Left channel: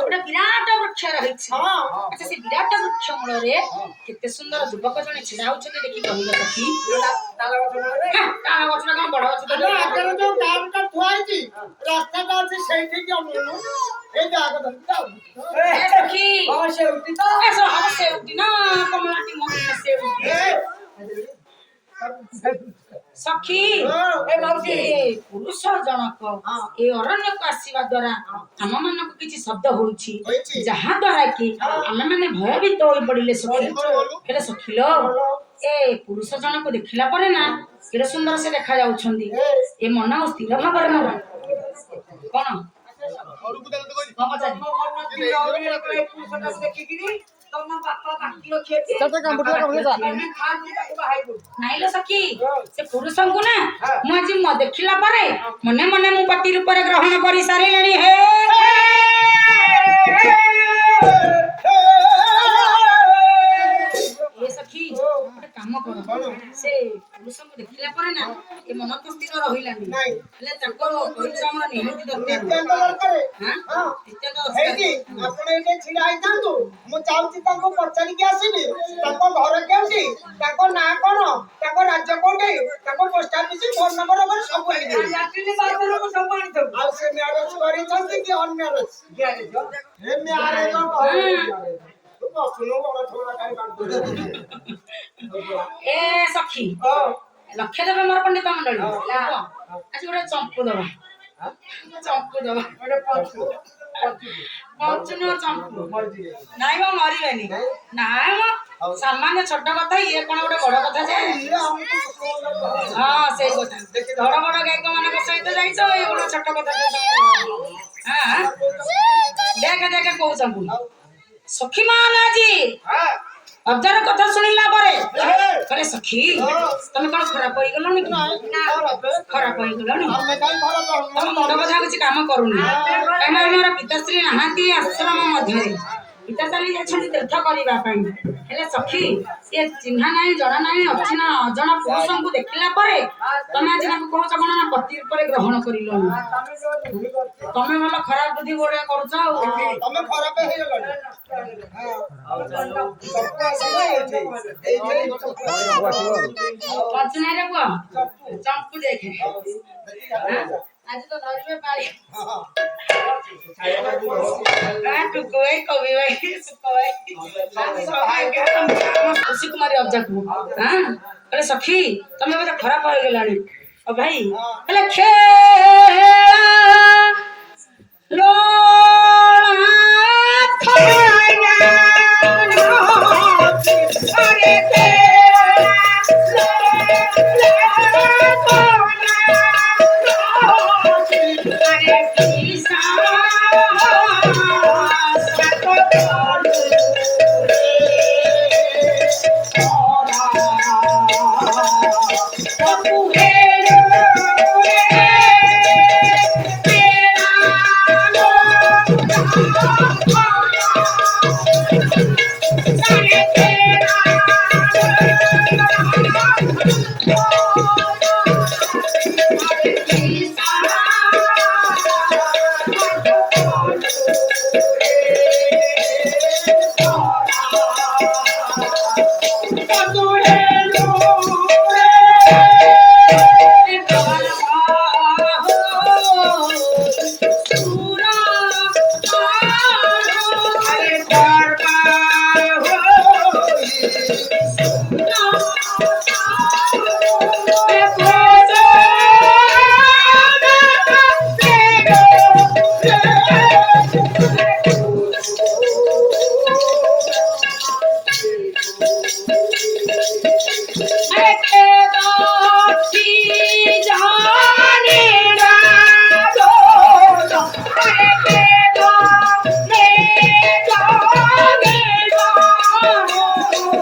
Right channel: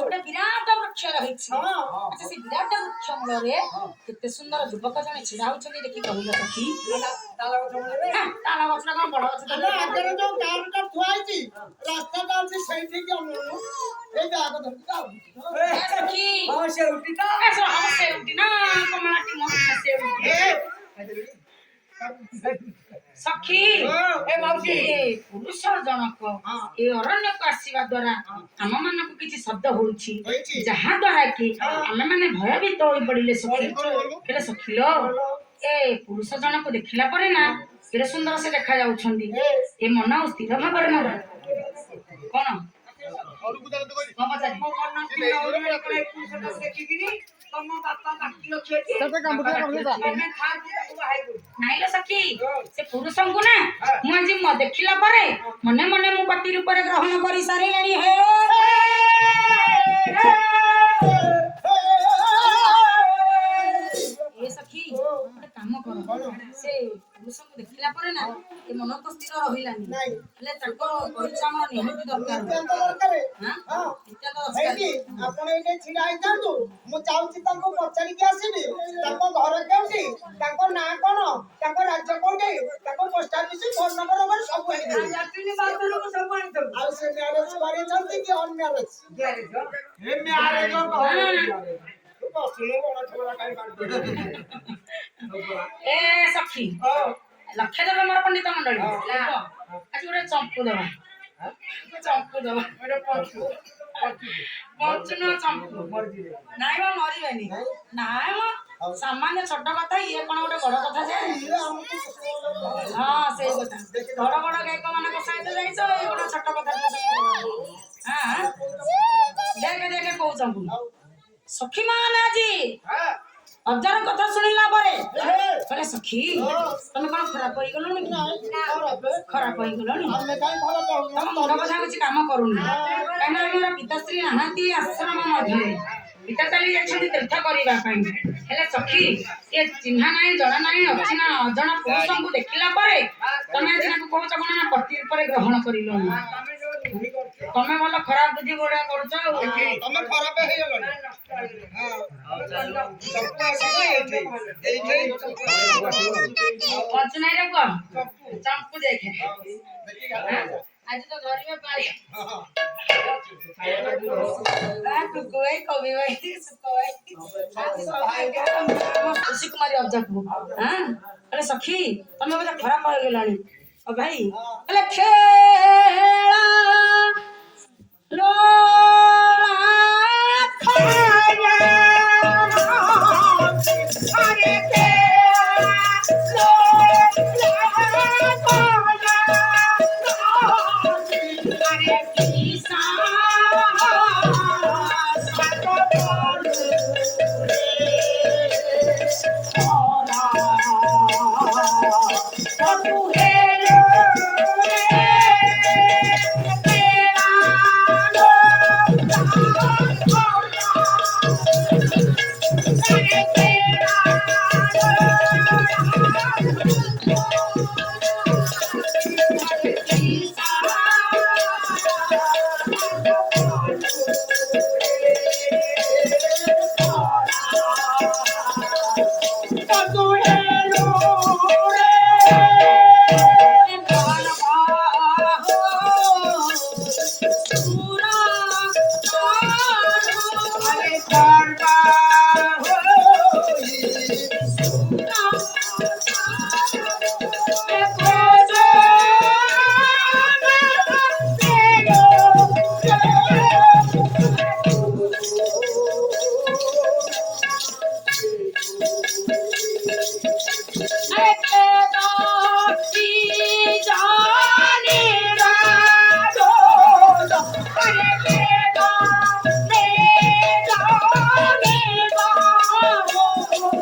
ଗୋଟେ ବିରାଟ ବୃକ୍ଷ ରହିଛି। ଆଚ୍ଛା ସେ ବିରାଟ ବୃକ୍ଷ ମୂଳରେ କେତେ ସୁନ୍ଦର ଯୁବକ ଜଣେ ଛିଡା ହଉଛନ୍ତି ଦେଖି କହିଲ ସଖୀ। ତାଳ ଗଛଟା କଣ ବଡ ଗଛ? ଆଗରେ ଯୋଉ କାରଟା ଥୁଆ ହେଇଛି ରାସ୍ତାଟା ଅଛି ସେଇଠିକି ଅନଉନୁ। ଏଇ ଜାଗ ଧରିକି ଯାଉ। ସଖୀ ସେଉଟି ତ ସେଉଟି ନା କମଳାଟି ମହଙ୍ଗା ସେଉଟି। ସଖୀ ଏ ମାଉସୀ ପୁରୁଷ ଜଣକ ଏ ଅରଣ୍ୟକୁ ଆସିବା ଦ୍ୱାରା ଆମ ମାନଙ୍କୁ କିଛି ଶବ୍ଦ ହଉଛି ଯାହା ଦ୍ୱାରା କି ଆମେ ମାନେ ଭୟଭୀତ ହୋଇ ପଡିଲେ। ସଖୀ ହେଲେ ସଖିଲ ଏ ପୁରୁଷ ଜଣକୁ ଦେଖିଲା ପରେ ନା କେତେ ସୁନ୍ଦର ସେ ଦେଖା ଯାଉଛନ୍ତି। ଏ ମନ ସ୍ଥିର ଭାବରେ ମୋର କଣ ଦେଖିକିରି ତମ ବାପା ବାକି ନାଇଲ ସଖୀ ସେ ପୁରୁଷଙ୍କୁ ନା ମୁଁ ଆଜି ଦେଖିଲା ପରେ ମନେ ମନେ ମୁଁ ପତି ରୂପରେ ଗ୍ରହଣ କରି ସାରିଲେଣି। ହେ ସଖୀ ଗୋଟେ କାମ କର ସେ ପୁରୁଷଙ୍କୁ ଦେଖିଲା ପରେ ନା ଏ ମନ ତ ସ୍ଥିର ରହିଲାନି ହେଲେ ତାଙ୍କର ପରିଶ୍ରମ ନିହାତି ଦରକାର। ଆପଣ ଏଇଠି ଛିଡା ହେଇଥାନ୍ତୁ ମୁଁ ଚାହୁଁଛି ତାଙ୍କୁ ପଚାରିକି ଆସିବି ତାଙ୍କ ଘର କେଉଁଠି ତାଙ୍କ ନାଁ କଣ ତାଙ୍କ ରାଜ୍ୟ କୋଉଠି ତାଙ୍କ ପୋଷ୍ଟ ଅଫିସ ଫୋନ ନମ୍ବର ସବୁ ଆଉ ସେ ମ୍ୟାରେଜ କରିଛନ୍ତି କି ଅନମ୍ୟାରେଜ? ଏ ସଖୀ ଲକ୍ଷ୍ୟ ଦେବ ମୋର ପଣ୍ଡିତ ମଣ୍ଡଳୀ ଆଜି ଗୋଟେ ଚମ୍ପୁ ଦବା ନାଇଁ ମ ମରିବେନି। ନାଇଁ ମ ସାମାନ୍ୟ ଛୋଟ କଥା ଇଏ କଣ ଗୋଟେ ବଡ କଥା ଯେ? ହଁ ସେଇ କଥା ବଡ ବଡ ଗାୟକ ମାନଙ୍କ ସହିତ ଯାଇଛ ଏଇ ଗୋଟେ ଛୋଟ କଥା। ଦେଖେ ଦେଖେ କହୁଛନ୍ତି ସଖୀ ମାନ ଆଜି ଅଜାର କଥା ଶୁଣିଲା ପରେ କହିଲେ ସଖୀ ତମେ କଣ ଖରାପ ହେଇଗଲଣି କି? ଖରାପ ହେଇଗଲଣି ତମ ମୁଣ୍ଡ କଥା କିଛି କାମ କରୁନି କାହିଁକିନା ଆମର ପିତାଶ୍ରୀ ନାହାନ୍ତି ଆଶ୍ରମ ମଧ୍ୟରେ ପିତା ଚାଲି ଯାଇଛନ୍ତି ତୀର୍ଥ କରିବା ପାଇଁ। ହେଲେ ସଖୀ ସିଏ ଚିହ୍ନା ନାହିଁ ଜଣା ନାହିଁ ଅଚିହ୍ନା ଅଜଣା ପୁରୁଷଙ୍କୁ ଦେଖିଲା ପରେ ତମେ ଆଜି ତାଙ୍କୁ କହୁଛ କଣ ନା ପତି ଉପରେ ଗ୍ରହଣ କରିଲଣି। ତମେ ଭଲ ଖରାପ ବୁଦ୍ଧି ଗୁଡା କରୁଛ ଆଉ ତମେ ଖରାପ ହେଇଗଲଣି। ଚମ୍ପୁ ଦେଖେ ଆଜି ତ ଧରିବେ ପାଳି କବି ଭାଇ ଖୁସି କୁମାରୀ ଅଜାକୁ କହିଲେ ସଖୀ ତମେ ବୋଧେ ଖରାପ ହେଇଗଲାଣି। ଭାଇ ହେଲେ